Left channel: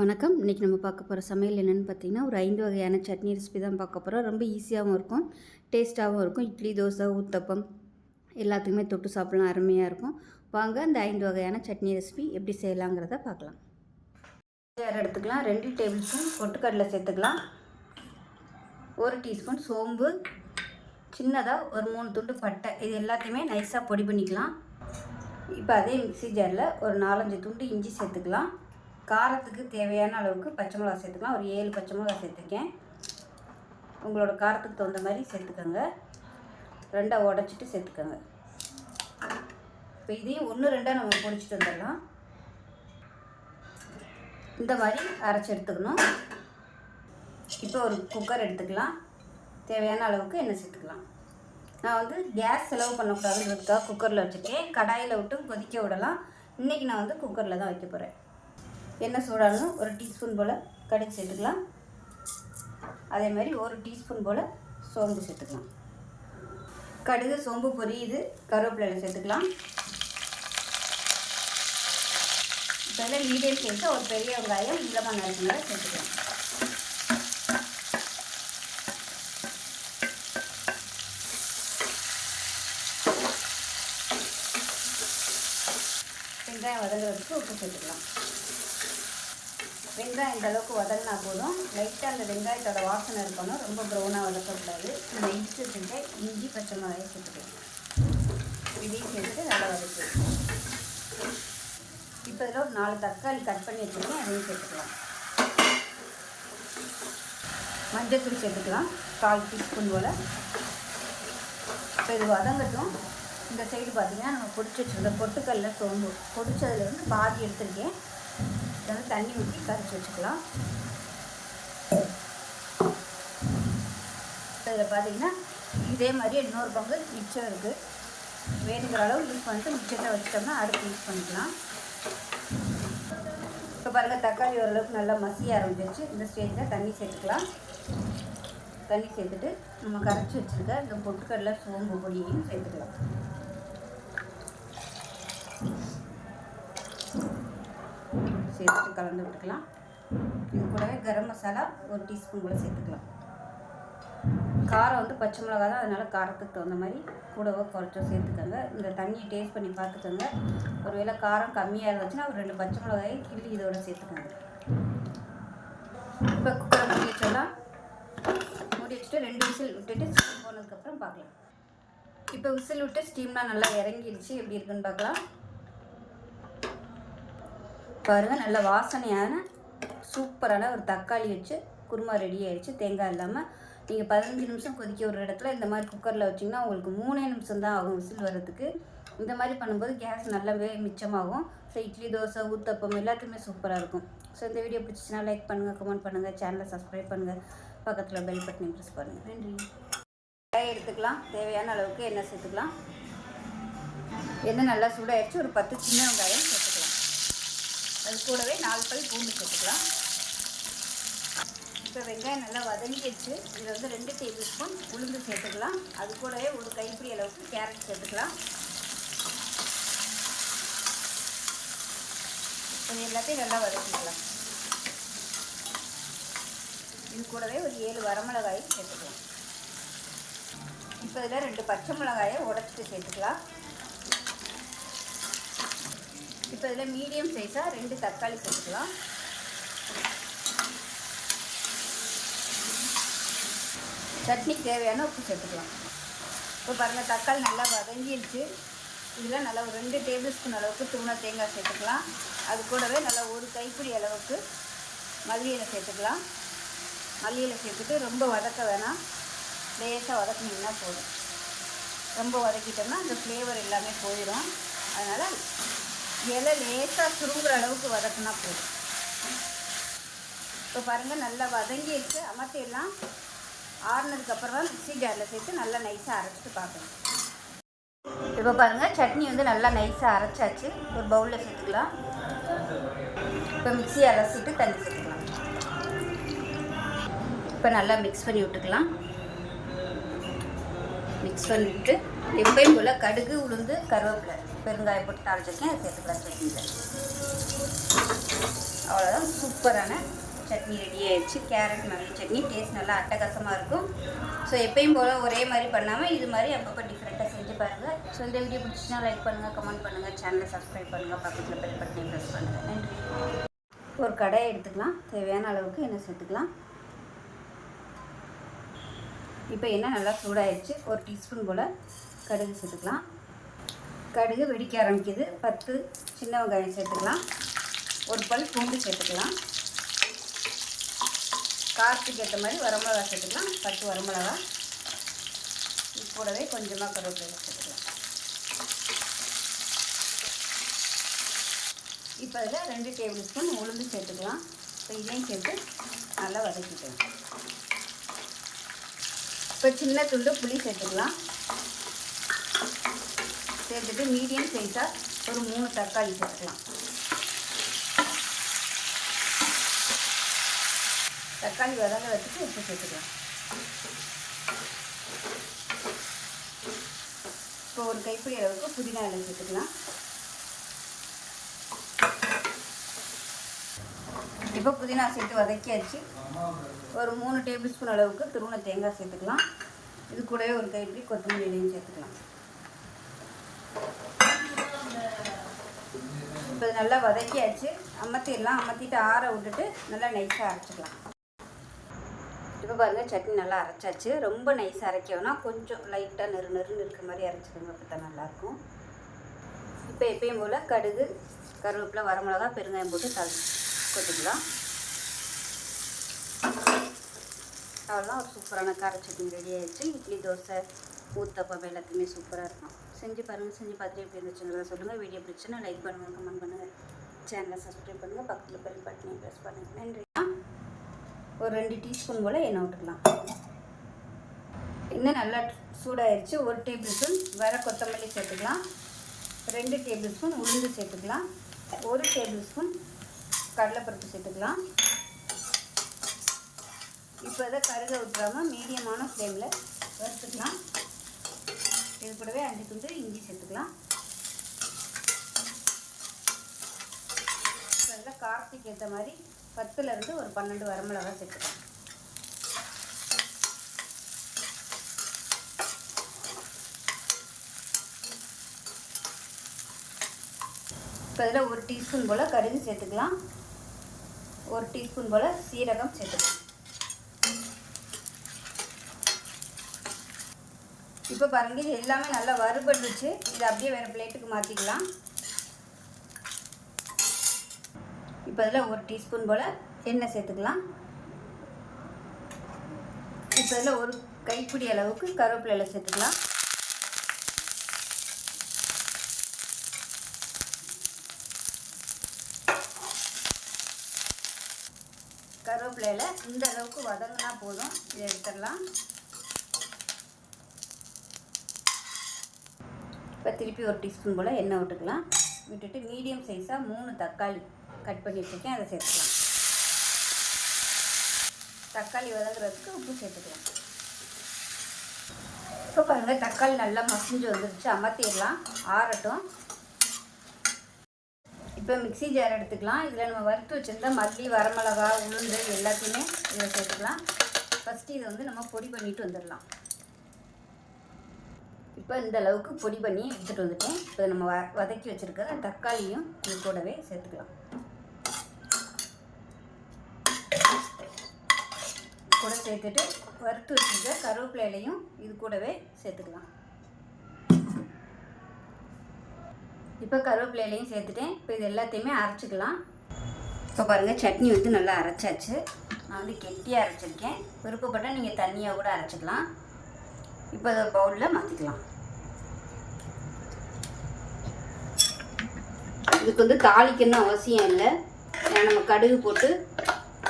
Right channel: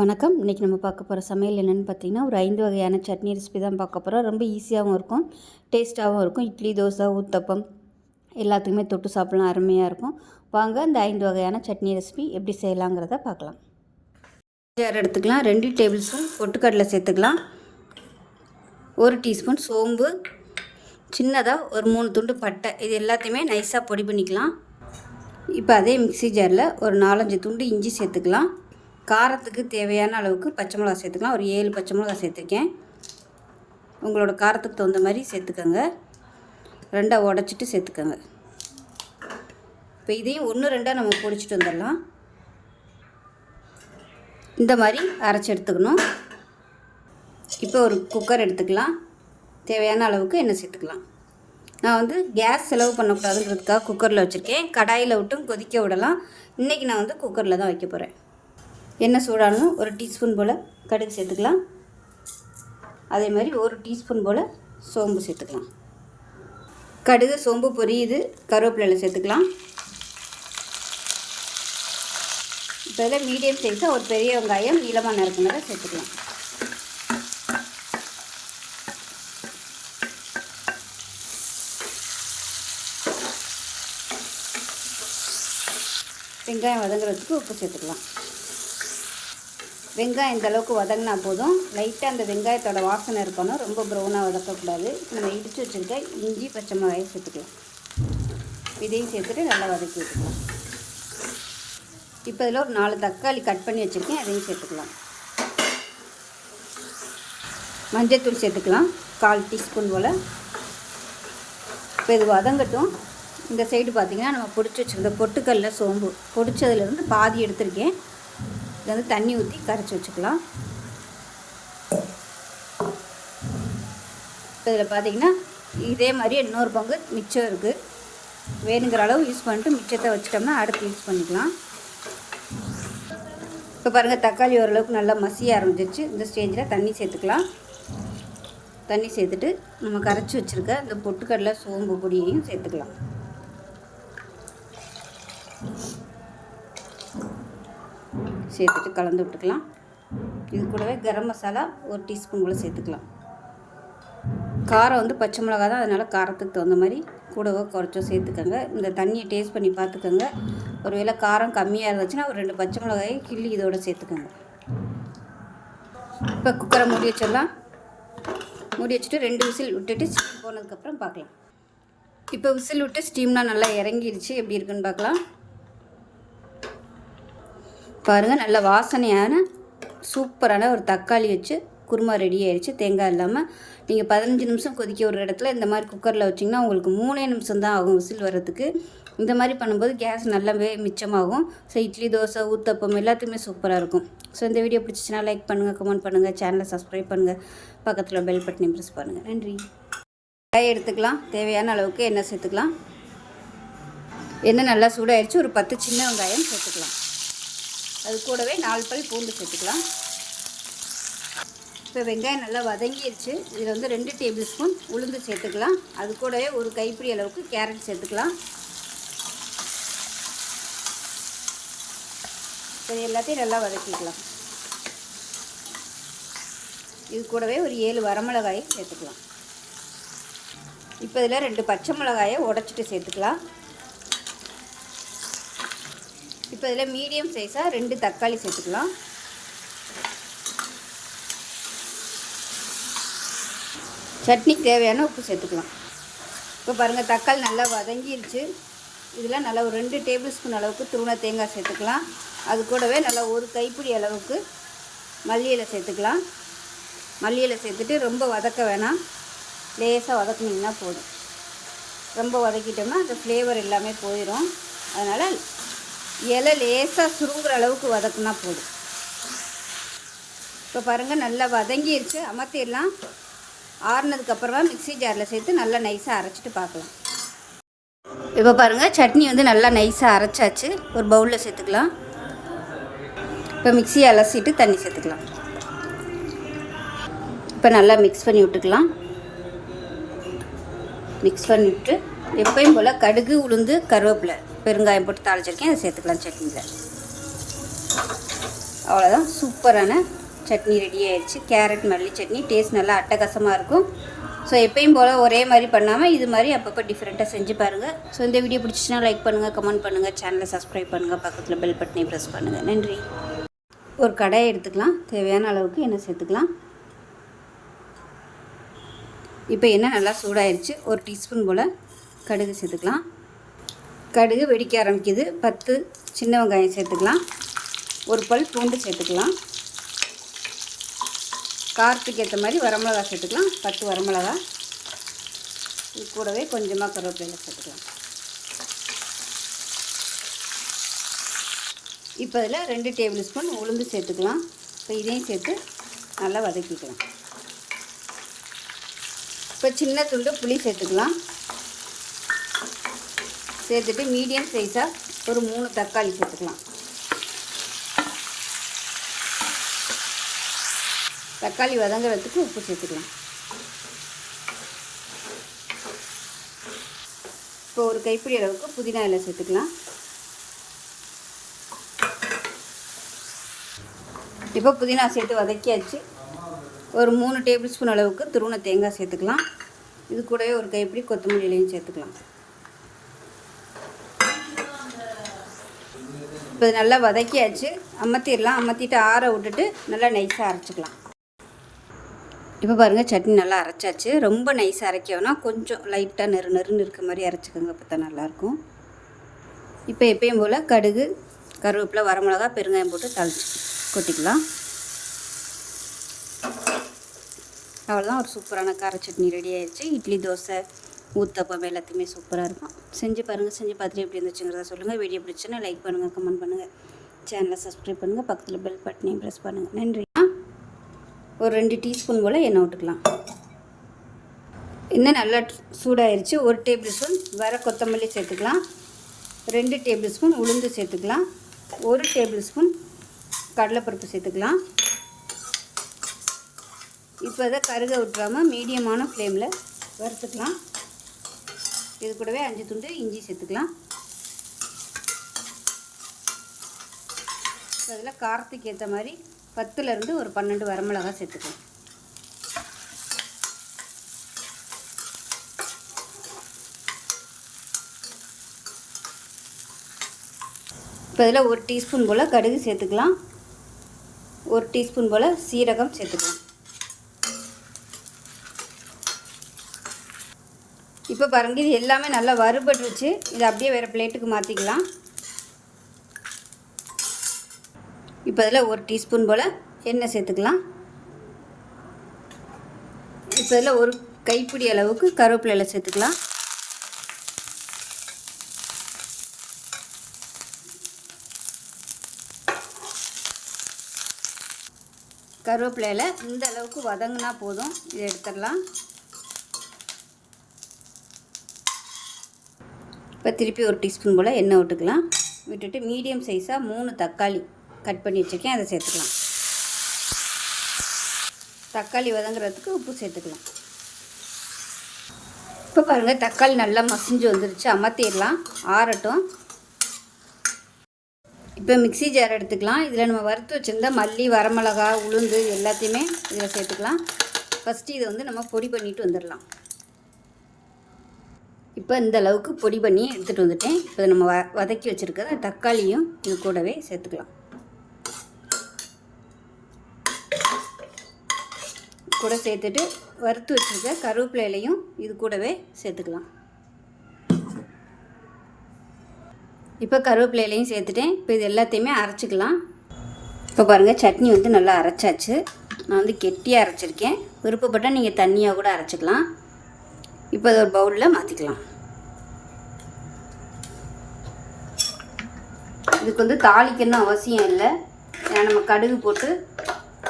வணக்கம். இன்றைக்கி நம்ம பார்க்க போகிற சமையல் என்னென்னு பார்த்தீங்கன்னா, ஒரு 5 வகையான சட்னி ரெசிபி தான் பார்க்க போகிறோம். ரொம்ப ஈஸியாகவும் இருக்கும், டேஸ்ட்டாகவும் இருக்கும். இட்லி, தோசை, ஊத்தப்பம் எல்லாத்துக்குமே தொட்டு சாப்பிட்லாம், அருமையாக இருக்கும். வாங்க இந்த 5 வகையான சட்னி ரெசிபி எப்படி செய்யலாங்கிறத பார்க்கலாம். ஜார் எடுத்துக்கலாம். 2 டேபிள் ஸ்பூன் பொட்டுக்கடலை சேர்த்துக்கலாம். 1 டீஸ்பூன் சோம்பு, சின்னதாக ஒரு 3 துண்டு பட்டை, இது எல்லாத்தையுமே நைஸாக பொடி பண்ணிக்கலாம். இப்போ அதே மிக்ஸி ஜாரில் ஒரு 4-5 துண்டு இஞ்சி சேர்த்துக்கலாம். காரத்துக்கு தேவையான அளவுக்கு பச்சை மிளகா சேர்த்துக்கலாம். ஒரு 7 பச்சை மிளகா சேர்த்துருக்கேன். உங்களோட காரத்துக்கு தகுந்த மாதிரி சேர்த்துக்கோங்க. 2 உடச்சிட்டு சேர்த்துக்கோங்க. இப்போ இதையும் 1-2 நம்ம பொடிச்சிட்டு வந்துடலாம். இந்த மாதிரி அரைச்சி எடுத்துக்கணும். இப்போ ஒரு குக்கர் எடுத்துக்கலாம். தேவையான அளவுக்கு எண்ணெய் சேர்த்துக்கலாம். நான் கேஸ் செலவு பண்ணக்கூடாதுங்கிறதுக்காக குக்கரில் வச்சுருக்கேன். கடாயில் விட்டும் கொதிக்க விடலாம். இன்றைக்கி நான் குக்கரில் தான் வைக்க போகிறேன். எண்ணெய் சூடானும் 1 டீஸ்பூன் போல் கடுகு சேர்த்துக்கலாம். அதே மாதிரி 1 டீஸ்பூன் போல் சோம்பு சேர்த்துக்கலாம். கடுகு சோம்பு பொரியுது, கருவேப்பிலை சேர்த்துக்கலாம். இப்போ இதில் மீடியம் சைஸாக ஒரு பெரிய வெங்காயம் நீளமாக நறுக்குனதை சேர்த்துக்கலாம். வெங்காயம் வதங்குறதுக்கு உப்பு சேர்த்துக்கலாம். வெங்காயம் இந்த அளவுக்கு வதங்கினா போதும். லைட்டாக அந்த வெங்காயத்தோட வாசனை இருக்கணும், ரொம்ப ப்ரௌனாக வதக்கக்கூடாது. நம்ம இடித்து வச்சுருக்க இஞ்சி பச்சை மிளகாயை சேர்த்துக்கலாம். இதையும் சேர்த்துட்டு நல்லா வதக்கி. இப்போ இதில் ஒரு 4 தக்காளி கட் பண்ணி வச்சுருக்கேன், அதையும் சேர்த்துக்கலாம். மஞ்சள்தூள் சேர்த்துக்கலாம், 1/4 டீஸ்பூன் போல். இப்போ இது வதங்கட்டும். இந்த சைடு பார்த்திங்கன்னா நம்ம பொடிச்சு வச்சுருந்த பொட்டுக்கல்ல சோம்பு பொடிச்சதுலேருந்து பாதி எடுத்திருக்கேன். இது தண்ணி ஊற்றி கரைச்சி வச்சுக்கலாம். இப்போ இதில் பார்த்திங்கன்னா இதே மாதிரி இன்னொரு பங்கு மிச்சம் இருக்குது. வேணுங்கிற அளவு யூஸ் பண்ணிட்டு மிச்சத்தை வச்சிட்டோம்னா அடுத்து யூஸ் பண்ணிக்கலாம். இப்போ பாருங்கள், தக்காளி ஓரளவுக்கு நல்லா மசிய ஆரம்பிச்சிச்சு. இந்த ஸ்டேஜில் தண்ணி சேர்த்துக்கலாம். தண்ணி சேர்த்துட்டு நம்ம கரைச்சி வச்சுருக்க இந்த பொட்டுக்கடலை சோம்பு பொடியையும் சேர்த்துக்கலாம். சேர்த்துட்டு கலந்து விட்டுக்கலாம். இது கூடவே கரம் மசாலா 1 டீஸ்பூன் போல் சேர்த்துக்கலாம். காரம் பச்சை மிளகா தான், அதனால் காரத்துக்கு தகுந்த மாதிரி கூடவோ குறைச்சோ சேர்த்துக்கோங்க. இந்த தண்ணியை டேஸ்ட் பண்ணி பார்த்துக்கோங்க. ஒருவேளை காரம் கம்மியாக இருந்துச்சுன்னா ஒரு 2 பச்சை மிளகாயை கிள்ளி இதோட சேர்த்துக்கோங்க. இப்போ குக்கரை மூடி வச்சிடலாம். மூடி வச்சுட்டு 2 விசில் விட்டுட்டு ஸ்டீம் போனதுக்கப்புறம் பார்க்கலாம். இப்போ விசில் விட்டு ஸ்டீம்லாம் நல்லா இறங்கிடுச்சு. எப்படி இருக்குன்னு பார்க்கலாம். பாருங்கள், நல்ல வாசனையான சூப்பரான ஒரு தக்காளி வச்சு குருமா ரெடி ஆயிடுச்சு. தேங்காய் இல்லாமல் நீங்கள் 15 நிமிஷம் கொதிக்க ஒரு இடத்துல இந்த மாதிரி குக்கரில் வச்சிங்கன்னா உங்களுக்கு 3 நிமிஷம் தான் ஆகும் விசில் வர்றதுக்கு. இந்த மாதிரி பண்ணும்போது கேஸ் நல்லாவே மிச்சமாகும். ஸோ இட்லி, தோசை, ஊத்தப்பம் எல்லாத்துக்குமே சூப்பராக இருக்கும். ஸோ இந்த வீடியோ பிடிச்சிச்சின்னா லைக் பண்ணுங்கள், கமெண்ட் பண்ணுங்கள், சேனலை சப்ஸ்கிரைப் பண்ணுங்கள், பக்கத்தில் பெல் பட்டனை ப்ரெஸ் பண்ணுங்கள். நன்றி. காய் எடுத்துக்கலாம். தேவையான அளவுக்கு எண்ணெய் சேர்த்துக்கலாம். எண்ணெய் நல்லா சூடாகிடுச்சு. ஒரு 10 சின்ன வெங்காயம் சேர்த்துக்கலாம். அது கூடவே 4 பல் பூண்டு சேர்த்துக்கலாம். இப்போ வெங்காயம் நல்லா வதங்கிடுச்சு. இதில் 2 டேபிள் ஸ்பூன் உளுந்து சேர்த்துக்கலாம். அது கூடவே ஒரு கைப்பிடி அளவுக்கு கேரட் சேர்த்துக்கலாம். இது எல்லாத்தையும் நல்லா வதக்கிக்கலாம். இது கூடவே ஒரு 7 வரமிளகாயை சேர்த்துக்கலாம். இப்போ இதில் 2 பச்சை மிளகாயை உடச்சிட்டு சேர்த்துக்கலாம். இப்போ இதில் மீடியம் சைஸாக 2 தக்காளி சேர்த்துக்கலாம். சட்னிக்கு தேவையான உப்பு சேர்த்துக்கலாம். இப்போ பாருங்கள், தக்காளி நல்லா வதங்கிடுச்சு. இதில் நல்லா ஒரு 2 டேபிள் ஸ்பூன் அளவுக்கு துருவன தேங்காய் சேர்த்துக்கலாம். அது கூடவே நல்லா ஒரு கைப்பிடி அளவுக்கு மல்லி இலை சேர்த்துக்கலாம். மல்லி இலை சேர்த்துட்டு ரொம்ப வதக்க வேணாம், லேசாக வதக்கினீங்கன்னா போதும். ரொம்ப வதக்கிட்டோம்னா அந்த ஃப்ளேவர் எல்லாமே போயிடும். அதனால் இலை லேசாக சுருங்குற அளவுக்கு வதக்குனா போதும். இப்போ பாருங்கள், நல்லா வதங்கிடுச்சு. அமர்த்திடலாம். ஆறுனதுக்கப்புறமா மிக்ஸி ஜாரில் சேர்த்து நல்லா நைஸாக அரைச்சிட்டு பார்க்கலாம். இப்போ பாருங்கள், சட்னி நல்லா நைஸாக அரைச்சாச்சு. ஒரு பவுலில் சேர்த்துக்கலாம். இப்போ மிக்ஸியை அலசிட்டு தண்ணி சேர்த்துக்கலாம். இப்போ நல்லா மிக்ஸ் பண்ணி விட்டுக்கலாம். மிக்ஸ் பண்ணிவிட்டு எப்பயும் போல் கடுகு, உளுந்து, கருவேப்பிலை, பெருங்காயம் போட்டு தாளிச்சிருக்கேன். அதை சேர்த்துக்கலாம் சட்னியில். அவ்வளோதான், சூப்பரான சட்னி ரெடி ஆயிடுச்சு. கேரட் மல்லி சட்னி டேஸ்ட் நல்லா அட்டகாசமாக இருக்கும். ஸோ எப்பயும் போல் ஒரே மாதிரி பண்ணாமல் இது மாதிரி அப்பப்போ டிஃப்ரெண்ட்டாக செஞ்சு பாருங்கள். ஸோ இந்த வீடியோ பிடிச்சிச்சின்னா லைக் பண்ணுங்கள், கமெண்ட் பண்ணுங்கள், சேனலை சப்ஸ்கிரைப் பண்ணுங்கள், பக்கத்தில் பெல் பட்டனை ப்ரெஸ் பண்ணுங்கள். நன்றி. ஒரு கடாயை எடுத்துக்கலாம். தேவையான அளவுக்கு எண்ணெய் சேர்த்துக்கலாம். இப்போ எண்ணெய் நல்லா சூடாயிருச்சு. ஒரு டீஸ்பூன் போல் கடுகு சேர்த்துக்கலாம். கடுகு வெடிக்க ஆரம்பிக்குது. 10 சின்ன வெங்காயம் சேர்த்துக்கலாம். ஒரு பல் பூண்டு சேர்த்துக்கலாம். காரத்துக்கு ஏற்ற மாதிரி வரமிளகா சேர்த்துக்கலாம். 10 வரமிளகா. இது கூடவே கொஞ்சமாக கருவேப்பிலை சேர்த்துக்கலாம். இப்போ இதில் 2 டேபிள் ஸ்பூன் உளுந்து சேர்த்துக்கலாம். இப்போ இதையும் சேர்த்து நல்லா வதக்கிக்கலாம். இப்போ சின்ன துண்டு புளி சேர்த்துக்கலாம். சேர்த்துட்டு மீடியம் சைஸாக ஒரு 3 தக்காளி சேர்த்துக்கலாம். தக்காளி வதங்குறதுக்கு உப்பு சேர்த்துக்கலாம். இப்போ ஒரு கைப்பிடி அளவுக்கு புதினா இலை சேர்த்துக்கலாம். இப்போ புதினா சேர்த்து வதக்கியாச்சு. ஒரு 3 டேபிள் ஸ்பூன் அளவுக்கு துருவன தேங்காய் சேர்த்துக்கலாம். இது கூடவே ஒரு கைப்பிடி கொத்தமல்லி இலையும் சேர்த்துக்கலாம். இப்போ நல்லா வதக்கியாச்சு. அமர்த்திடலாம். அமர்த்திட்டு ஆற விட்டுட்டு நல்லா நைஸாக அரைச்சிக்கலாம். இப்போ பாருங்கள், சட்னி நல்லா அரைச்சாச்சு. ரொம்ப நைஸாக அரைக்கணும்னா கொஞ்சம் லைட்டாக நெருன்னு இருக்க மாதிரி அரைச்சிக்கோங்க. அப்போ தான் நல்லாயிருக்கும். இப்போ எப்பயும் போல் கடுகு, கருவேப்பிலை, வரமிளகா, பெருங்காயம் போட்டு தாளிச்சு கொட்டிக்கலாம். அவ்வளோதான், ஒரு சூப்பரான கார சட்னி ரெடி ஆயிடுச்சு. இட்லி, தோசை, ஊத்தப்பம் எல்லாத்தையுமே சூப்பராக இருக்கும். செஞ்சு பாருங்கள். செஞ்சு பார்த்துட்டு எப்படி இருந்துச்சுங்கிறத சொல்லுங்கள். வீடியோ பிடிச்சுன்னா லைக் பண்ணுங்கள், கமெண்ட் பண்ணுங்கள், சேனலை சப்ஸ்கிரைப் பண்ணுங்கள், பக்கத்தில் பெல் பட்டனையும் ப்ரெஸ் பண்ணுங்கள். நன்றி. ஒரு 2 டீஸ்பூன் போல் எண்ணெய் விட்டுக்கலாம். எண்ணெய் நல்லா சூடாயிருச்சு. 1 டேபிள் ஸ்பூன் வர கொத்தமல்லி சேர்த்துக்கலாம். 2 டேபிள் ஸ்பூன் உளுந்து சேர்த்துக்கலாம். 1 டேபிள் ஸ்பூன் கடலைப்பருப்பு சேர்த்துக்கலாம். இப்போ இதை கருக விட்டுறாமல் மீடியமான ஃப்ளேமில் வறுத்துக்கலாம். இது கூடவே 5 துண்டு இஞ்சி சேர்த்துக்கலாம். இப்போ அதில் காரத்துக்கு ஏற்ற மாதிரி 10லேருந்து ஒரு 12 வரமிளகா சேர்த்துக்கலாம். இப்போ இதில் 1 டீஸ்பூன் போல் கடுகு சேர்த்துக்கலாம். 1 டீஸ்பூன் போல் சீரகம் சேர்த்துக்கலாம். இப்போ பாருங்க, இது எல்லாமே நல்லா வறுபட்டுருச்சு. இது அப்படியே வேறு பிளேட்டுக்கு மாற்றிக்கலாம். இப்போ அதில் 1 டீஸ்பூன் போல் எண்ணெய் சேர்த்துக்கலாம். இப்போ இதில் ஒரு கைப்பிடி அளவுக்கு கருவேப்பிலை இலை சேர்த்துக்கலாம். கருவேப்பிலை இலை இந்த அளவுக்கு வதங்கினா போதும். இதை எடுத்துடலாம். இப்போ திருப்பி 1 டீஸ்பூன் போல் எண்ணெய் விட்டுக்கலாம். விட்டுட்டு மீடியம் சைஸாக 3 தக்காளி கட் பண்ணி வச்சுருக்கேன், அதை சேர்த்துக்கலாம். தக்காளி வதங்குறதுக்கு உப்பு சேர்த்துக்கலாம். இப்போ பாருங்கள், தக்காளி நல்லா மசிஞ்சு வந்துருச்சு. அமர்த்திடலாம், ஆறட்டும். இப்போ மிக்ஸி ஜார் எடுத்துக்கலாம். இதில் நம்ம வறுத்து வச்சுருந்தா மல்லி, வரமிளகா, உளுந்து எல்லாத்தையுமே இதில் சேர்த்துக்கலாம். ஃபஸ்ட்டு இதை வந்து நம்ம பொடி பண்ணிட்டு வந்துடலாம். இப்போ இந்த அளவுக்கு பொடி பண்ணி எடுத்துகிட்டு வந்துட்டேன். இப்போ நம்ம வதக்கி வச்சுருக்கிற தக்காளியும் இது கூடவே சேர்த்துக்கலாம். கூட சேர்த்துட்டு வறுத்து வச்சுருக்க கருவேப்பிலை இலையும் இது கூடவே சேர்த்துக்கலாம். இப்போ கருவேப்பிலை இலையும் சேர்த்துட்டேன். இப்போ இது எல்லாத்தையுமே அரைச்சிக்கலாம். இப்போ பாருங்கள், சட்னி வந்து நல்லா அரைச்சாச்சு. நான் வந்து கெட்டியாக அரைச்சிருக்கேன். விருப்பப்பட்டால் நீங்கள் தண்ணியாக கூட அரைச்சிக்கலாம். இப்போ அதை ஒரு பவுலில் மாற்றிக்கலாம். இதுக்கு வந்து தாளிக்கணும் அவசியம் இல்லை. ஏன்னா நம்ம கடுகு போட்டு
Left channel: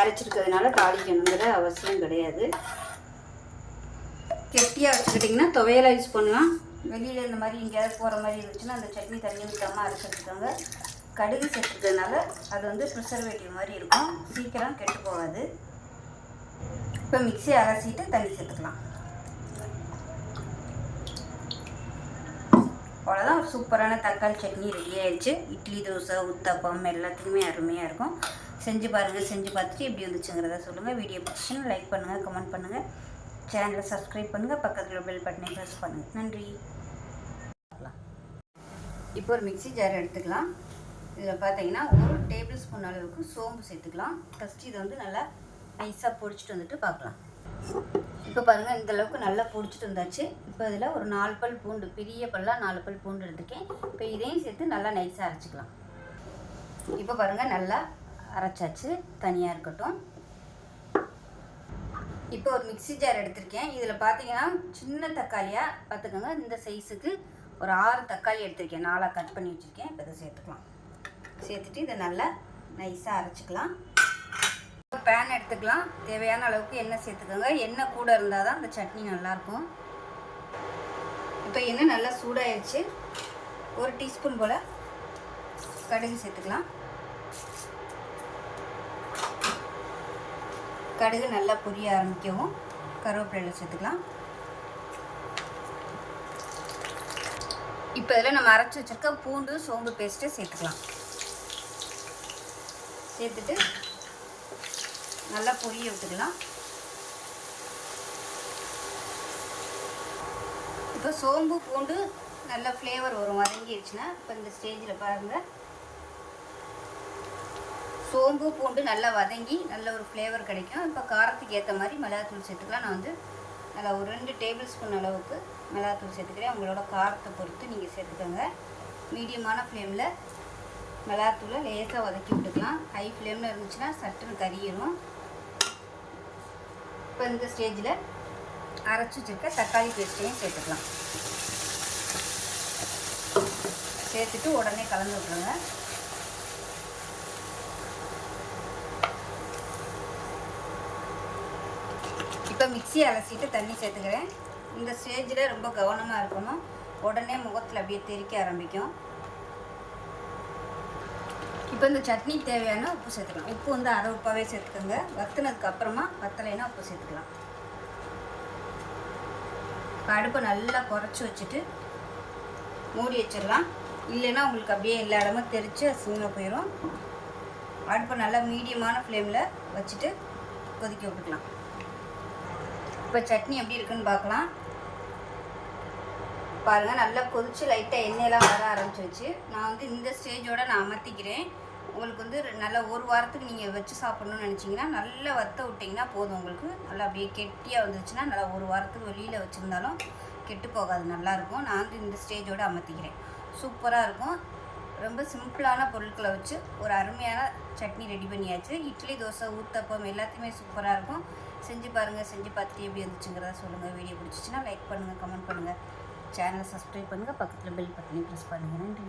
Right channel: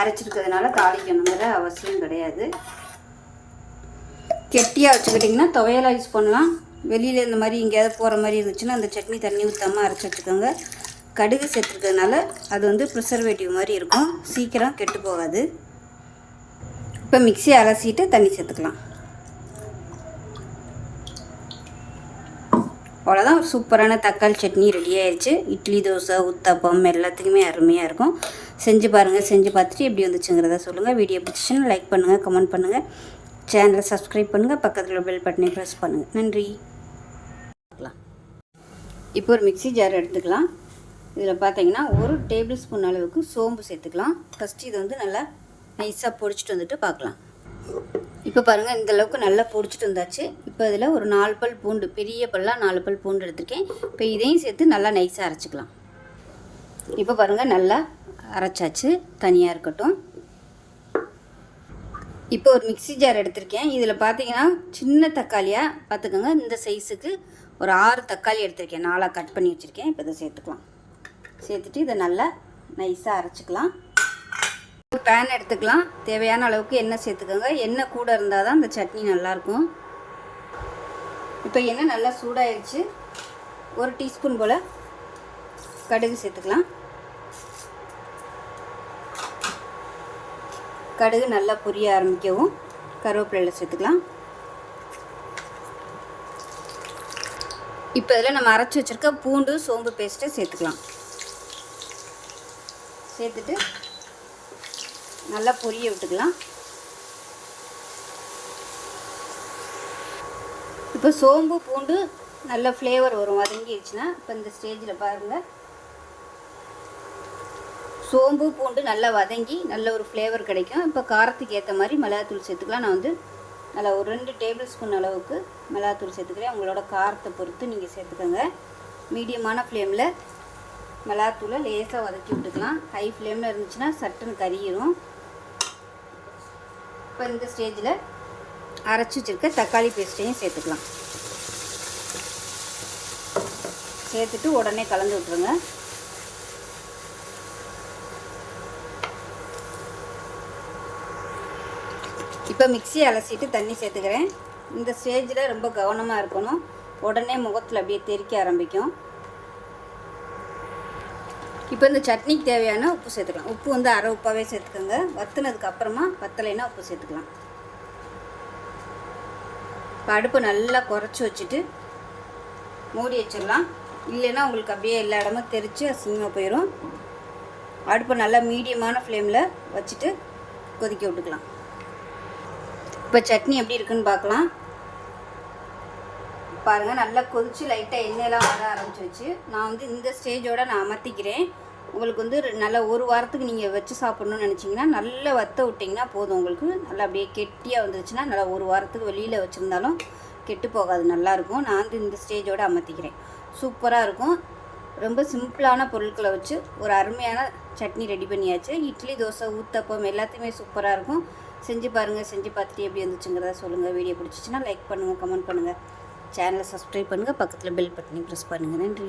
அரைச்சிருக்கிறதுனால தாளிக்கணுங்கிற அவசியம் கிடையாது. கெட்டியாக வச்சுக்கிட்டிங்கன்னா துவையலாக யூஸ் பண்ணலாம். வெளியில் இந்த மாதிரி எங்கேயாவது போகிற மாதிரி இருந்துச்சுன்னா அந்த சட்னி தண்ணி ஊற்றாமல் அரைச்சி வச்சுக்கோங்க. கடுகு சேர்த்துக்கிறதுனால அது வந்து ப்ரிசர்வேட்டிவ் மாதிரி இருக்கும், சீக்கிரம் கெட்டு போகாது. இப்போ மிக்ஸி அலசிட்டு தண்ணி சேர்த்துக்கலாம். அவ்வளோதான், சூப்பரான தக்காளி சட்னி ரெடி ஆயிடுச்சு. இட்லி, தோசை, ஊத்தப்பம் எல்லாத்துக்குமே அருமையாக இருக்கும். செஞ்சு பாருங்கள். செஞ்சு பார்த்துட்டு எப்படி வந்துச்சுங்கிறத சொல்லுங்கள். வீடியோ பிடிச்சிச்சுன்னா லைக் பண்ணுங்கள், கமெண்ட் பண்ணுங்கள், சேனலை சப்ஸ்கிரைப் பண்ணுங்கள், பக்கத்தில் பெல் பட்டனை ப்ரெஸ் பண்ணுங்கள். நன்றி. இப்போ ஒரு மிக்ஸி ஜார் எடுத்துக்கலாம். இதில் பார்த்தீங்கன்னா 1 டேபிள் ஸ்பூன் அளவுக்கு சோம்பு சேர்த்துக்கலாம். ஃபஸ்ட்டு இதை வந்து நல்லா நைஸாக பொடிச்சிட்டு வந்துட்டு பார்க்கலாம். இப்போ பாருங்கள், இந்தளவுக்கு நல்லா பொடிச்சிட்டு வந்தாச்சு. இப்போ இதில் ஒரு 4 பல் பூண்டு, பெரிய பல்லாக 4 பல் பூண்டு எடுத்துருக்கேன். இப்போ இதையும் சேர்த்து நல்லா நைஸாக அரைச்சிக்கலாம். இப்போ பாருங்கள், நல்லா அரைச்சாச்சு, தனியாக இருக்கட்டும். இப்போ ஒரு மிக்ஸி ஜார் எடுத்திருக்கேன். இதில் பார்த்தீங்கன்னா சின்ன தக்காளியாக பார்த்துக்கோங்க. இந்த சைஸுக்கு ஒரு 6 தக்காளி எடுத்திருக்கேன், 4 கட் பண்ணி வச்சுருக்கேன். இப்போ இதை சேர்த்துக்கலாம். சேர்த்துட்டு இதை நல்லா நைஸாக அரைச்சிக்கலாம். பேன் எடுத்துக்கலாம். தேவையான அளவுக்கு எண்ணெய் சேர்த்துக்கோங்க. எண்ணெய் கூட இருந்தால் தான் இந்த சட்னி நல்லாயிருக்கும். இப்போ எண்ணெய் நல்லா சூடாகிடுச்சு. 1 டீஸ்பூன் போல் கடுகு சேர்த்துக்கலாம். கடுகு நல்லா பொரிய ஆரம்பிக்கவும் கருவேப்பிலை சேர்த்துக்கலாம். இப்போ இதில் நம்ம அரைச்சி வச்சுருக்க பூண்டு சோம்பு பேஸ்ட்டை சேர்த்துக்கலாம். சேர்த்துட்டு நல்லா பொரிய விட்டுக்கலாம். இப்போ சோம்பு பூண்டு நல்ல ஃப்ளேவர் வரும், வதங்கிடுச்சுன்னா. இப்போ இந்த ஸ்டேஜில் பாருங்கள், சோம்பு பூண்டு நல்லா வதங்கி நல்ல ஒரு ஃப்ளேவர் கிடைக்கும். இப்போ காரத்துக்கு ஏற்ற மாதிரி மிளகாத்தூள் சேர்த்துக்கலாம். நான் வந்து நல்லா ஒரு 2 டேபிள் ஸ்பூன் அளவுக்கு மிளகாத்தூள் சேர்த்துக்கிறேன். உங்களோட காரத்தை பொறுத்து நீங்கள் சேர்த்துக்கோங்க. மீடியமான ஃப்ளேமில் மிளகாத்தூளை லேசாக வதக்கி விட்டுக்கலாம். ஹை ஃப்ளேமில் இருந்துச்சுன்னா சட்டுன்னு கறியிரும். இப்போ இந்த ஸ்டேஜில் அரைச்சி வச்சுருக்க தக்காளி பேஸ்ட்டையும் சேர்த்துக்கலாம். சேர்த்துட்டு உடனே கலந்து விட்டுருங்க. இப்போ மிக்ஸி அலசிட்டு தண்ணி சேர்த்துக்கிறேன். இந்த ஸ்டேஜில் ரொம்ப கவனமாக இருக்கணும். உடனே முகத்தில் அப்படியே தெறிக்க ஆரம்பிக்கும். இப்போ இந்த சட்னிக்கு தேவையான உப்பு சேர்த்துக்கலாம். உப்பு வந்து அரை உப்பாகவே சேர்த்துக்கோங்க. வற்றுனதுக்கு அப்புறமா வற்றலைன்னா உப்பு சேர்த்துக்கலாம். இப்போ அடுப்பு நல்லா குறைச்சி வச்சுட்டு மூடி வச்சிடலாம். இல்லைன்னா உங்களுக்கு அப்படியே எல்லா இடமும் தெரித்து அசிங்கமாக போயிடும். அடுப்பை நல்லா மீடியமான ஃப்ளேமில் வச்சுட்டு கொதிக்க விட்டுக்கலாம். இப்போ சட்னி எப்படி இருக்குன்னு பார்க்கலாம். பாருங்கள், நல்லா கொதிச்சு லைட்டாக எண்ணெயெல்லாம் வர ஆரம்பிச்சிருச்சு. நான் வந்து இந்த ஸ்டேஜோடு நான் அமர்த்திக்கிறேன். உங்களுக்கு வந்து நல்லா 1 வாரத்துக்கு நீங்கள் வச்சு சாப்பிட்ணுன்னு நினச்சிங்கன்னா நல்லா வற்ற விட்டிங்கன்னா போதும். உங்களுக்கு நல்லா அப்படியே கெட்டியாக வந்துருச்சுன்னா நல்லா 1 வாரத்துக்கு வெளியில் வச்சுருந்தாலும் கெட்டு போகாது, நல்லாயிருக்கும். நான் வந்து இந்த ஸ்டேஜோடு அமர்த்திக்கிறேன். சூப்பராக இருக்கும். ரொம்ப சிம்பிளான பொருட்களை வச்சு ஒரு அருமையான சட்னி ரெடி பண்ணியாச்சு. இட்லி, தோசை, ஊத்தப்பம் எல்லாத்தையுமே சூப்பராக இருக்கும். செஞ்சு பாருங்கள். செஞ்சு பார்த்துட்டு எப்படி வந்துச்சுங்கிறத சொல்லுங்கள். வீடியோ பிடிச்சிச்சின்னா லைக் பண்ணுங்கள், கமெண்ட் பண்ணுங்கள், சேனலை சப்ஸ்கிரைப் பண்ணுங்கள், பக்கத்தில் பெல் பட்டனை ப்ரெஸ் பண்ணுங்கள். நன்றி.